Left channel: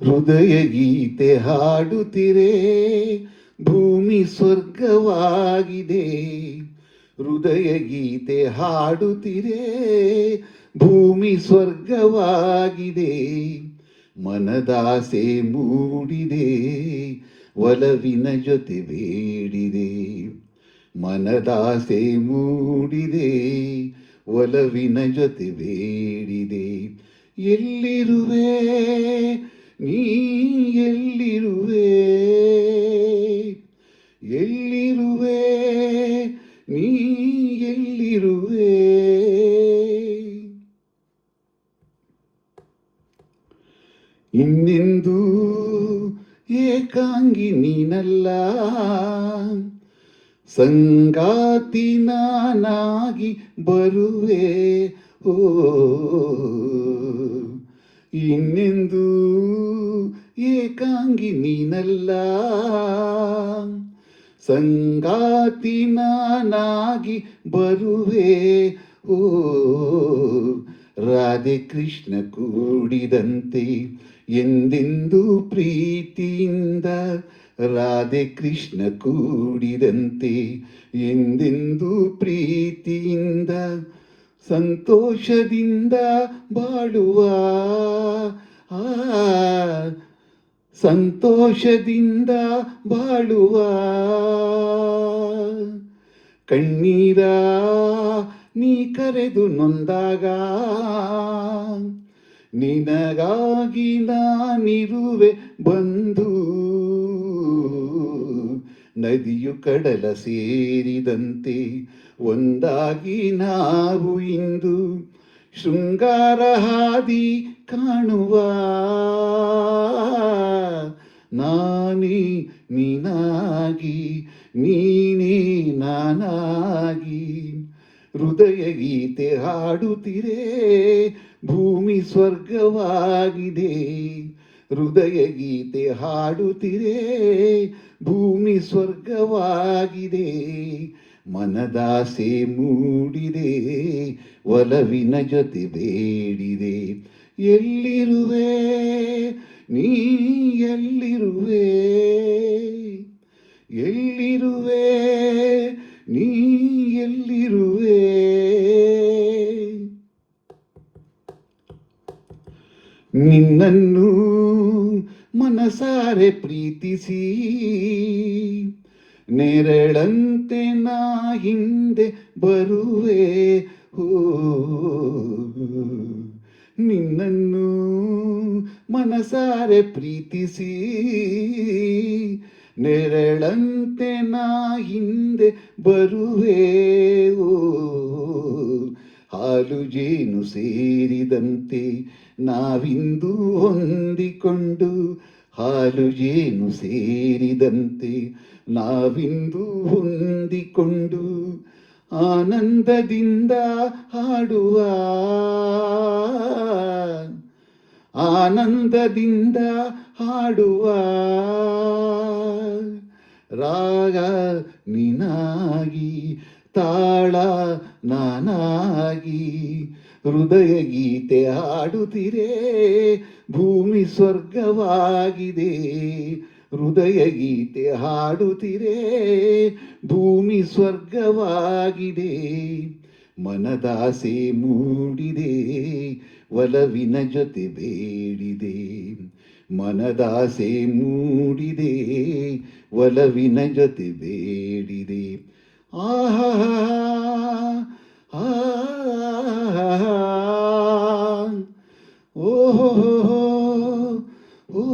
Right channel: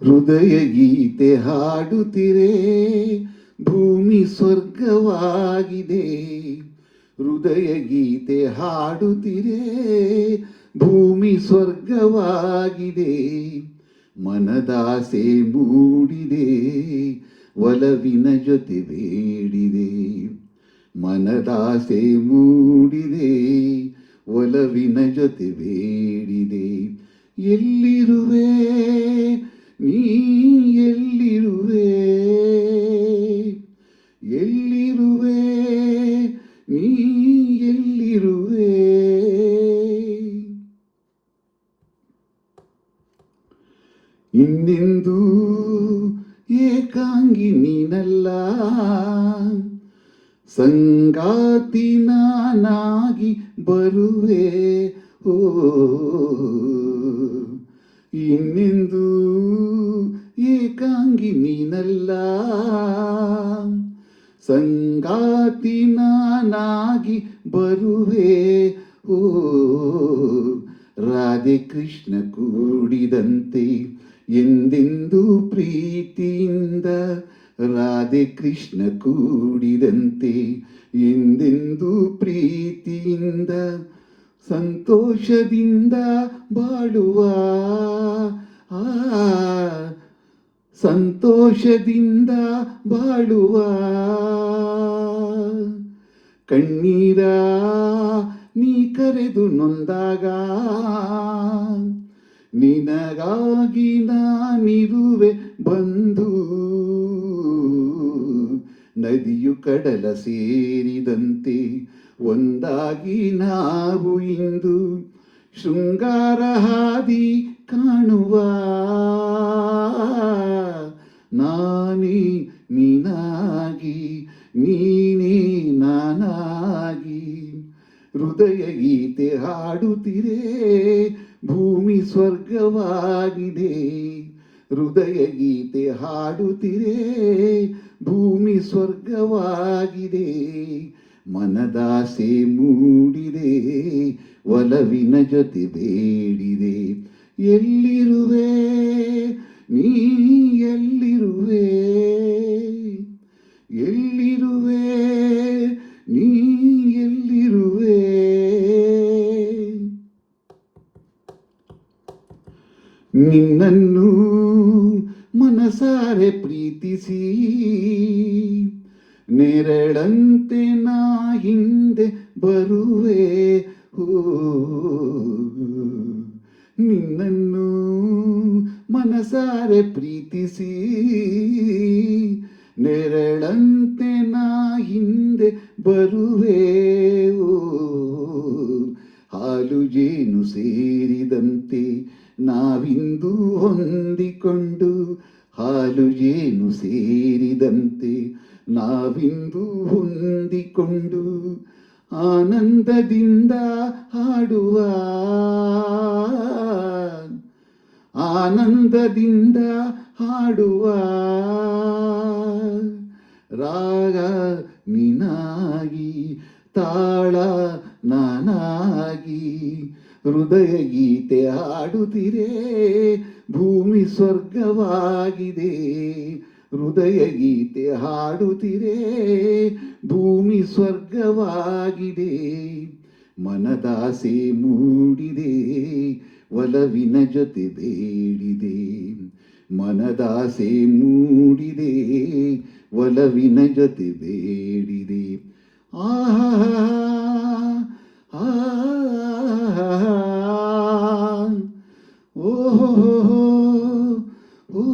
ಹೃದಯ ಗೀತೆ ಹಾಡುತ್ತಿರೆ ಭೂಮಿ ಸ್ವರ್ಗವಾಗಿದೆ. ಹೃದಯ ಗೀತೆ ಹಾಡುತ್ತಿರೆ ಭೂಮಿ ಸ್ವರ್ಗವಾಗಿದೆ. ಮನದಾಸೆ ಮೂಡಿದೆ ಒಲವಿನ ಜೊತೆ ಬೇಡಿದೆ. ಮನದಾಸೆ ಮೂಡಿದೆ ಒಲವಿನ ಜೊತೆ ಬೇಡಿದೆ. ಎಲ್ಲಿರುವೆ ನೀ ಎಲ್ಲಿರುವೆ, ಎಲ್ಲಿರುವೆ ನೀ ಎಲ್ಲಿರುವೆ. ಇನ್ನೆಂದೂ ಏಕಾಂಗಿ ನೀನಲ್ಲ, ಸಂಗಾತಿ ನಾನಾಗಿ ಬರುವೆ. ಓ ಇನ್ನೆಂದೂ ಏಕಾಂಗಿ ನೀನಲ್ಲ, ಸಂಗಾತಿ ನಾನಾಗಿ ಬರುವೆ. ಓ ರಾಧೆ ಕೃಷ್ಣ ಕೂಡಿದಂತೆ ಎಂದೆಂದೂ ಪ್ರೀತಿಯಿಂದ, ರಾಧೆ ಕೃಷ್ಣ ಕೂಡಿದಂತೆ ಎಂದೆಂದೂ ಪ್ರೀತಿಯಿಂದ, ಸಂತೋಷದಿಂದ ಬಾಳುವ ಸಂತೋಷದಿಂದ ಬಾಳುವ. ಕಣ್ಣೀರ ನೀ ಕರೆದು ನೊಂದಾಗ ನಿನಗಾಗಿ ನಾನಿರುವೆ ಬಂದು. ನದಿಯು ಕಡಲ ಸೇರಿದಂತೆ ಒಂದಾಗಿ ನಾವು ಇಂದು ಶೃಂಗಾರ ಹಾದಿ ಕಾಣುವ. ನಾನೇ ನೀನಾಗಿ ನೀನೇ ನಾನಾಗಿ ಹೃದಯ ಗೀತೆ ಹಾಡುತ್ತಿರೆ ಭೂಮಿ ಸ್ವರ್ಗವಾಗಿದೆ. ಹೃದಯ ಗೀತೆ ಹಾಡುತ್ತಿರೆ ಭೂಮಿ ಸ್ವರ್ಗವಾಗಿದೆ. ಮನದಾಸೆ ಮೂಡಿದೆ ಒಲವಿನ ಜೊತೆ ಬೇಡಿದೆ. ಎಲ್ಲಿರುವೆ ನೀ ಎಲ್ಲಿರುವೆ, ಎಲ್ಲಿರುವೆ ನೀ ಎಲ್ಲಿರುವೆ. ನಿನ್ನನ್ನು ಮನಸಾರೆ ಪ್ರೀತಿಸಿ ನೆರಳಂತೆ ನಾ ಹಿಂದೆ ಬರುವೆ. ಓ ನಿನ್ನನ್ನು ಮನಸಾರೆ ಪ್ರೀತಿಸಿ ನೆರಳಂತೆ ನಾ ಹಿಂದೆ ಬರುವೆ. ಓ ಹಾಲು ಜೇನು ಸೇರಿದಂತೆ ನಾವಿಂದು ಹೊಂದಿಕೊಂಡು, ಹಾಲು ಜೇನು ಸೇರಿದಂತೆ ನಾವಿಂದು ಹೊಂದಿಕೊಂಡು ಆನಂದದಿಂದ ಹಾಡುವ, ಆನಂದದಿಂದ ಹಾಡುವ. ರಾಗ ನೀನಾಗಿ ತಾಳ ನಾನಾಗಿ ಹೃದಯ ಗೀತೆ ಹಾಡುತ್ತಿರೆ ಭೂಮಿ ಸ್ವರ್ಗವಾಗಿದೆ. ಹೃದಯ ಗೀತೆ ಹಾಡುತ್ತಿರೆ ಭೂಮಿ ಸ್ವರ್ಗವಾಗಿದೆ. ಮನದಾಸೆ ಮೂಡಿದೆ ಒಲವಿನ ಜೊತೆ ಬೇಡಿದೆ. ಮನದಾಸೆ ಮೂಡಿದೆ ಒಲವಿನ ಜೊತೆ ಬೇಡಿದೆ. ಆಹಾ ಓಹೋ ಓ